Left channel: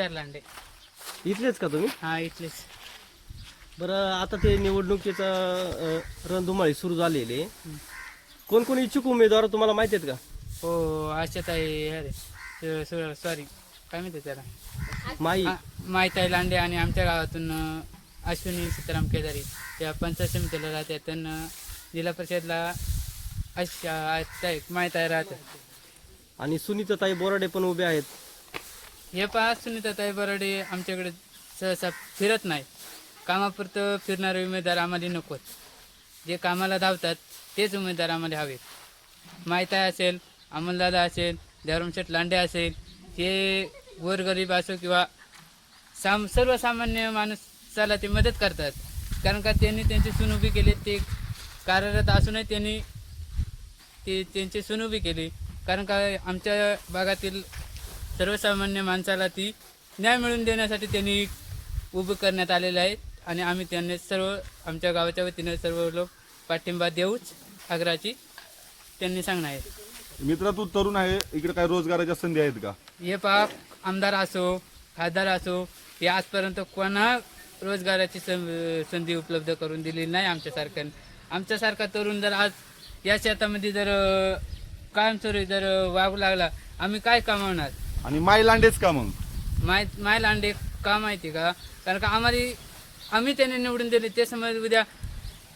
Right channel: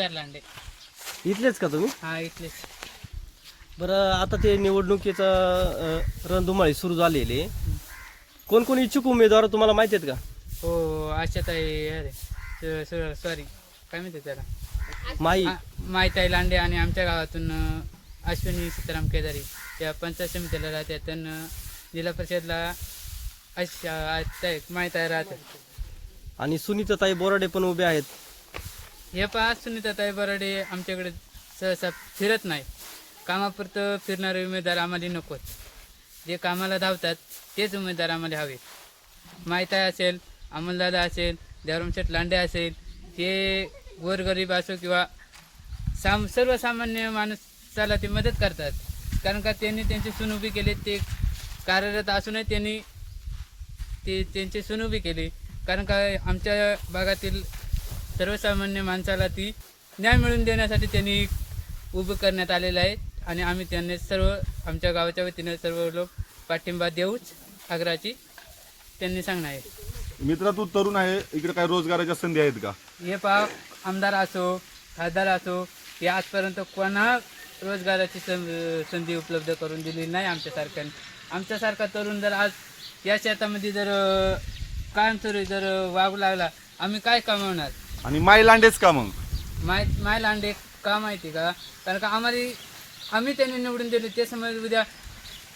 लांडे. इथलेच का तुम्ही? हा इथलेच. बरं, आता ते निवडणुकीचा रणधुमाळी सुरू झालेली आहे. कोण कोण इच्छुक उमेदवार तुम्हाला माहिती आहेत का? हो आशाताई अरे सॉरी काय म्हणते त्याला माहिताई लांडे आणि आमच्या गावातून अश्विनी सीताराम केदारी त्या पंचायत समितीला राहतात. त्यांना जिल्हा परिषदला माहिताई राहतात. आणि सुनीताताई बोराडे पण उभे आहेत. हे पहा, सुनीताताई बोराडे आमच्याकडे सहसा फिरत नाही. कामापुरतं फिरणारे उमेदवार आम्हाला नकोत. जे कामाला धावतात तेच उमेदवार आम्हाला हवेत. माहिताई असेल, अमोलदादा असेल, देवरामशेठ लांडे असेल, हे गोरगरीब असो किंवा सर्वसामान्य माणसाला ते मदत करतात. कारण का त्यांनी त्यांची सून उभी केली. ते कार्यरत असूनही त्यांनी त्यांची सून उभी केली. कारण का आमच्या भागातील सर्वसामान्य माणसाला ती न्याय मिळवून देण्यासाठी त्यांनी उभं करण्यात आलेलं आहे. आणि आम्ही त्यांनी सर्व आमच्या गावाच्या वतीनं सर्व लोक पाठिंबा देऊच आग्रहाची त्यांनी सांगणं आहे. मित्रा, तू तरुण आहे, इकडे काय रोजगाराच्या संधी आहेत का? हे पहा, आमदार असो खासदार असो, हे आजपर्यंत कोणा रोजगाराची संधी उपलब्ध करून दिलेली नाही आमच्यासारख्याने. आमच्यासारखा तरुण जर आज या शेतामध्ये जर कायमस्वरूपी जर वागू लागला, आम्ही काय कमावणार? आणि माई लांडेच का मग? माय लांडे का माहिती का? कारण का आम्ही त्यांनी निवडून दिले. ते समज उद्या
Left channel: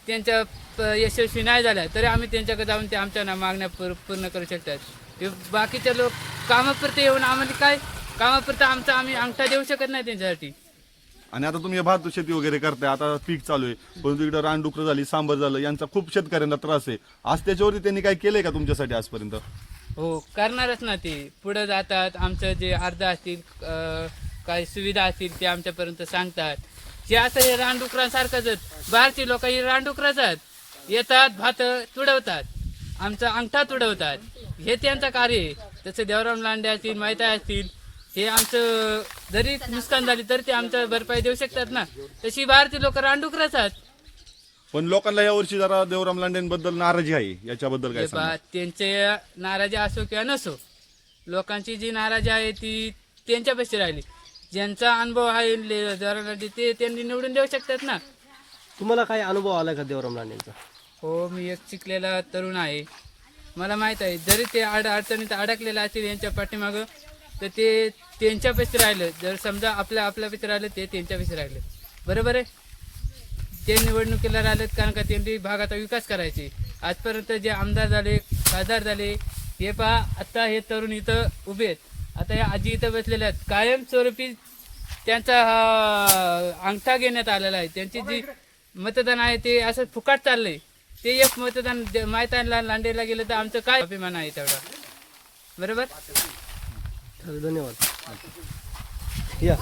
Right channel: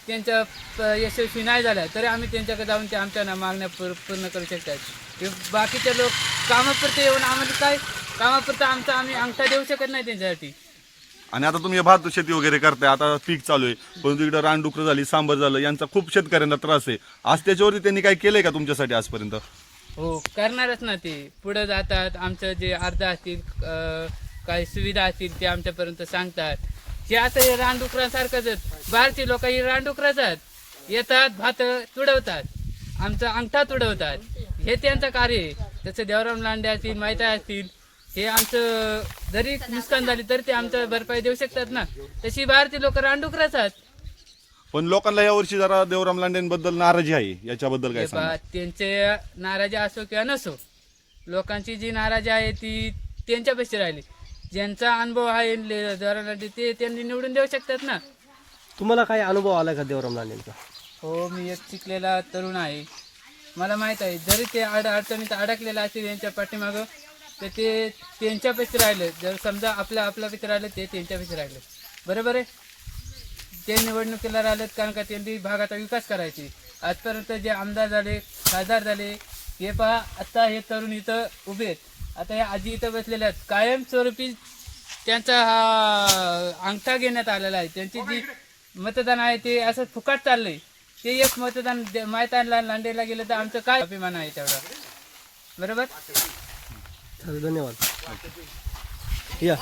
त्यांच्या यशस्वी नाही झाल्या तरी आम्ही त्यांच्याकडे जाऊन ते आमच्या मागण्या पूर्ण करू शकतात. बाकीचे लोक कामापुरते येऊन आम्हाला काय कामापुरतं आम्ही अंगठा देऊ शकत नाही त्यांच्यासाठी. आणि आता तुम्ही भात शेती वगैरे करताय, आता पीक चालू आहे, परंतु इकडे रानडुकरं झाली, सांबर झालं, यांचा खूप शेतकऱ्यांना त्रास आहे. आज त्याच्यावरती त्यांनी काय केलंय का तुमच्यासाठी आजपर्यंत? हो, करणारच ना. ते पुढे जातात, आमचं जे अर्ज असतील काही सुविधा असतील ते आमच्यापर्यंत सांगतात. हे असं हे रानडुकरांसारखंच. बाहेरची लोक ही रानडुकराच येतात, भात तुडवतात, आमचा अंगठा तुडवतात. हे त्यांचं कार्य आहे. तसं देवराम लांडे असतील, माहिताई असतील, हे आमचं जरी नुकसान झाली तरी ते आमचं भरपाई देऊ शकतात ना. तशी बाहेरची लोक रानडुकराच. पण लोकांना यावर्षी जरा देवराम लांडेंबद्दल नाराजी आहे, याच्याबद्दल काय सांगा? त्यांचे नाराजी असो किंवा नसो, लोकांची जी नाराजी आहे ती त्यांच्यापाशी राहिली. ज्यांचा अनुभव आहे देवराम लांडे ते त्यांनी निवडून देऊ शकतात ना. तुम्हाला काय अनुभव आला का देवराम लांडेंचा? हो, मी एक शिकलेला तरुण आहे. मला माहीत आहे, जरी ते अडचणीत अडकलेलं असतील यांच्या पाठीमागं, तर ते त्यांच्यापाशी राहिलं. जर समजा आपल्यापाशी राहिलं, ते त्यांच्यापाशी राहिलं. बरोबर आहे. ते निवडणुकीला राहिलेत कारण का त्यांनी भागाचा विकास करायचे. आजपर्यंत जे आमदार झाले, खासदार झाले, हे पहा आता हे तरुण इथं उभे आहेत. आता हे आजी इथं बसलेल्या आहेत. कायमस्वरूपी त्यांचा हा अंगठा घेण्यात आलेला आहे. त्यांची जी मतदान आहे ते असं फुकट चाललंय. ते एक मतदान माहिताई लांडेला गेलं तर आमचं काय अभिमान आहे तेवढा. बरोबर. धन्यवाद. या